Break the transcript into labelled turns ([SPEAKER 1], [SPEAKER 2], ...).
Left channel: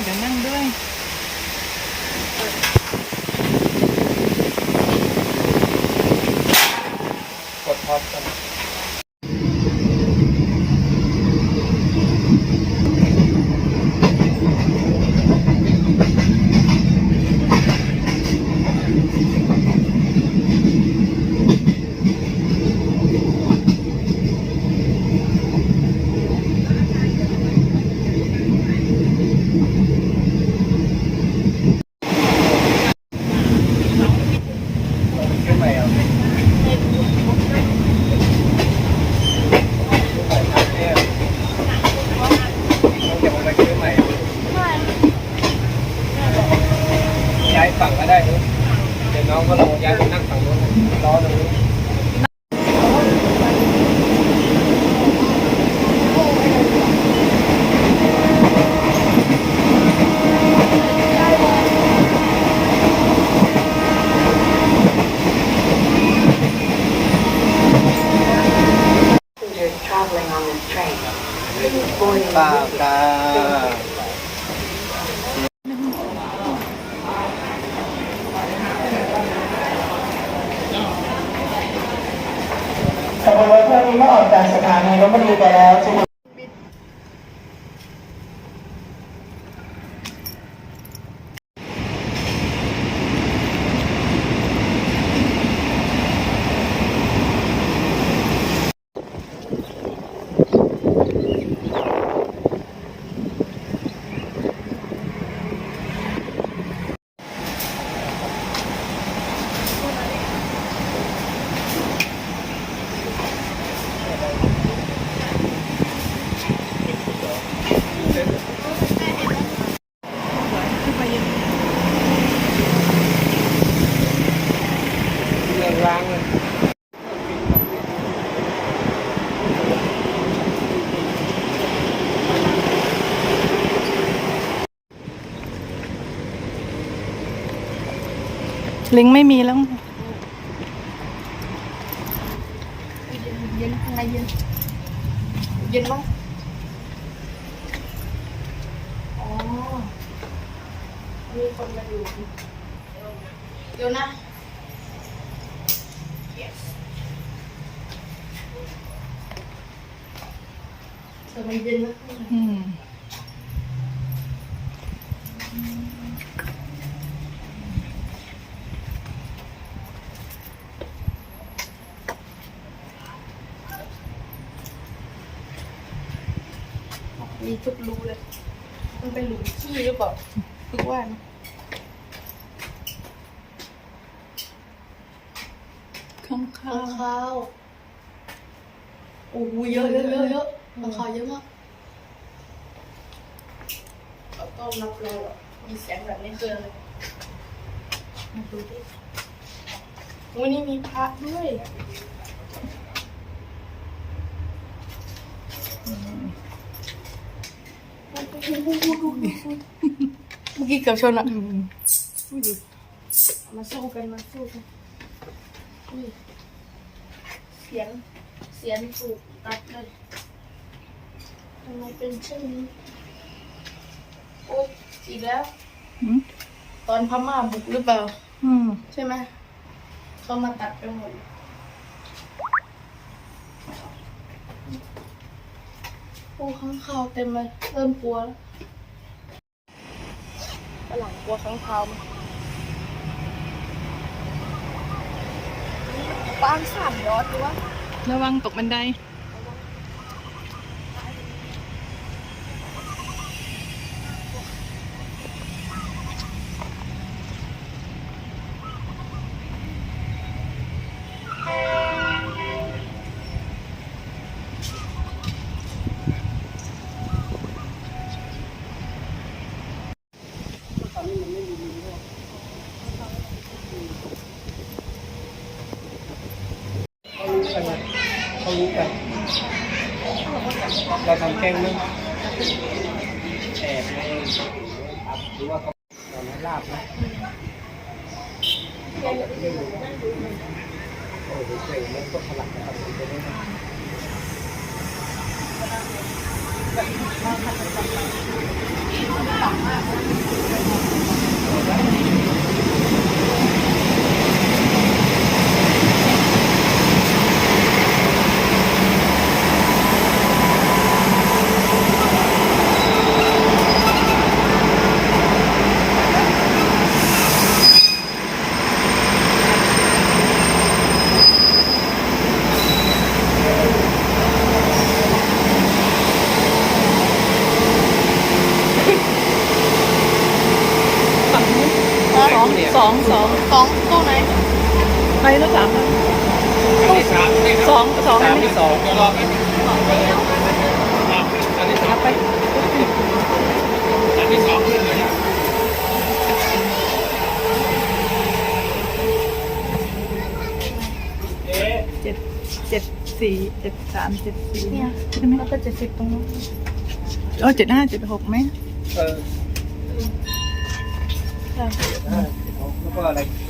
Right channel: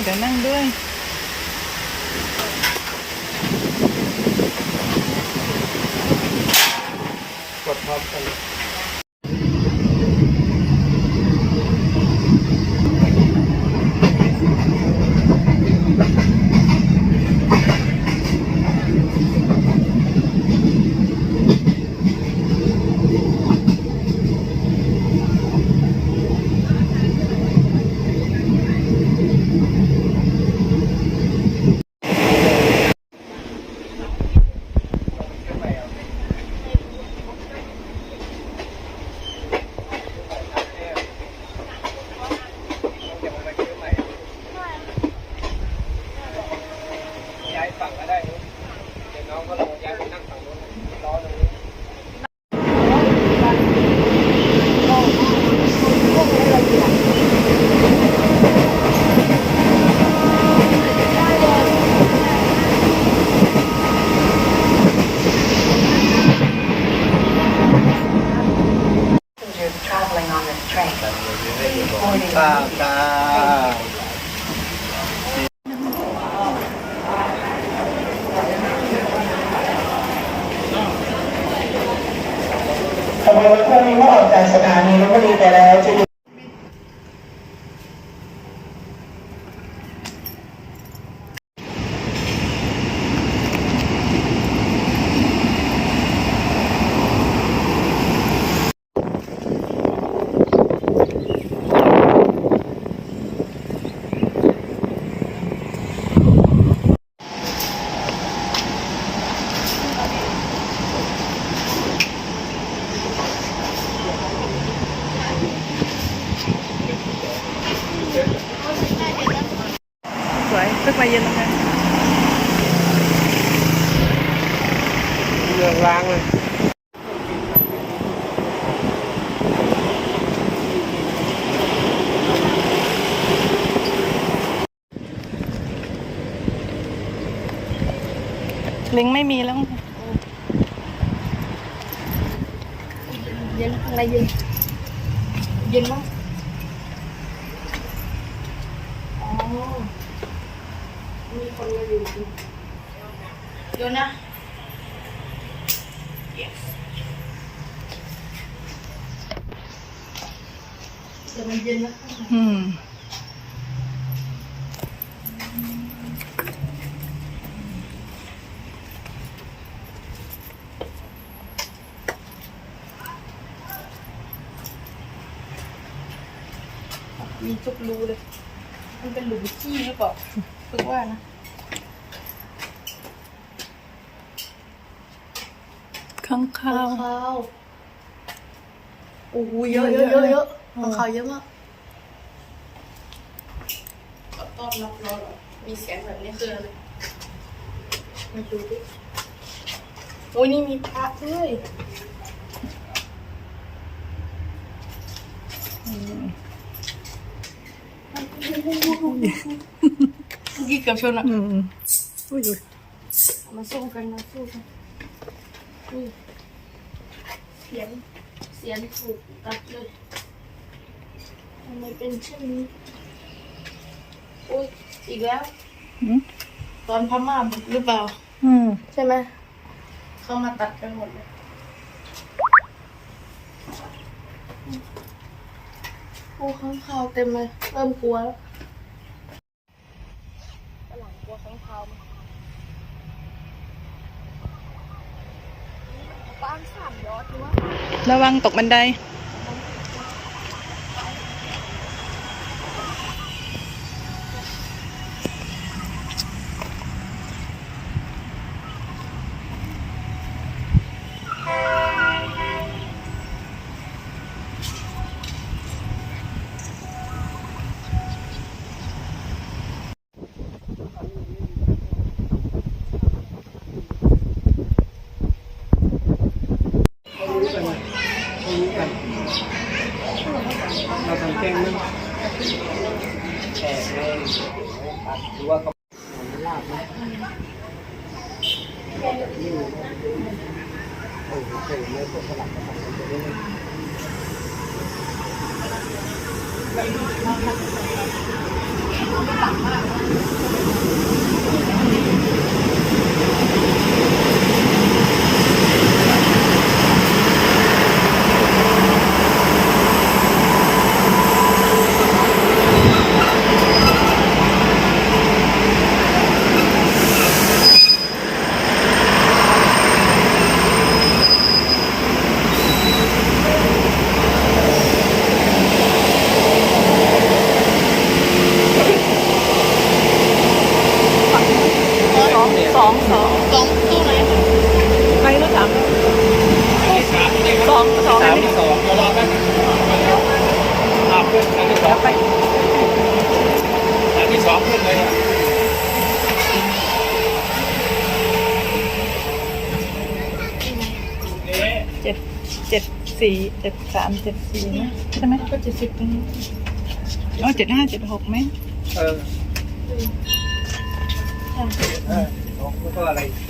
[SPEAKER 1] เอ๊ะเดี๋ยวนั่งด้วย
[SPEAKER 2] ฝั่งก็ได้นู้นเดี๋ยวน้องก็ลงย้ายไปนั่งฝั่งนู้นล้อตรงนี้
[SPEAKER 3] passengers traveling on this train. Boarding
[SPEAKER 2] ตาตา
[SPEAKER 3] ขบวนรถเที่ยวนี้เมื่อออกจากสถานีลพบุรีไปแล้วจะมี
[SPEAKER 1] สวยขึ้นมาเย็นเลย
[SPEAKER 2] เรืองร้างเลย
[SPEAKER 1] ลิงไม่มีแล้ว
[SPEAKER 4] เย็นอะไรเย็นเย็นบ้างอ๋อ มีคนมาอยู่เดี๋ยวนะแต่มันเย็นนะข้างใน
[SPEAKER 1] อืม
[SPEAKER 4] มีทุกรูเลย มันเป็นหลุมขี้หรือเปล่า ฝึกว่านะ
[SPEAKER 1] ข้างข้า
[SPEAKER 4] ข้าววข้าวโอ้โหเยอะเยอะเยอะเยอะข้าวขาวเยอะมากก็ต้อนรับเราเหรอมีเสียงแบบนี้คืออะไรมาดูดิโอ้ยนี่มีพระด้วยเมื่อกี้เกือบชนอะ
[SPEAKER 1] อืมอุ้ย
[SPEAKER 4] มาสู้กันมาสู้กันนี่เสียงเสียงถูกตัดเลยทำไมเป็นเช่นนี้โอ๊ยอีกแล้ว
[SPEAKER 1] อืม
[SPEAKER 4] ตอนพม่าบุกหรือเปล่า
[SPEAKER 1] อืม
[SPEAKER 4] ใช่ไหมเขามาตัดกันหมดเลยโอ้ข้างคาวเต็มเลยเริ่มกลัวแล้ว ฝรั่งกลัวข้างคาวไหมปางสามยอดหรือว่า
[SPEAKER 1] ระวังตกบันได
[SPEAKER 2] เขารู้กันเราทำแกล้งมึงแอบไงหรือว่าเขาไม่ลาบนะเออเคยไม่กดสลับกันทำไปเรื่อยๆ
[SPEAKER 1] สองสองสอง
[SPEAKER 4] ของตู้ไหน
[SPEAKER 1] ใครรู้จักบ้าง
[SPEAKER 2] ที่สามนี่ครับ
[SPEAKER 1] สองสอง
[SPEAKER 2] สามที่สองเดี๋ยวรอแป๊บนึงรอบ ขึ้นอันที่สองอันที่สองขึ้นเลยครับเอ๊ะ
[SPEAKER 1] เจ็ดเจ็ดสี่เจ็ดสามเจ็ดสี่ใช่ไหม
[SPEAKER 4] แล้วก็จะสิบตรงนี้
[SPEAKER 1] เออเจ็ดห้าเจ็ดหกไหม
[SPEAKER 2] เออ
[SPEAKER 4] ใช่
[SPEAKER 2] เออแล้วก็อะไรเ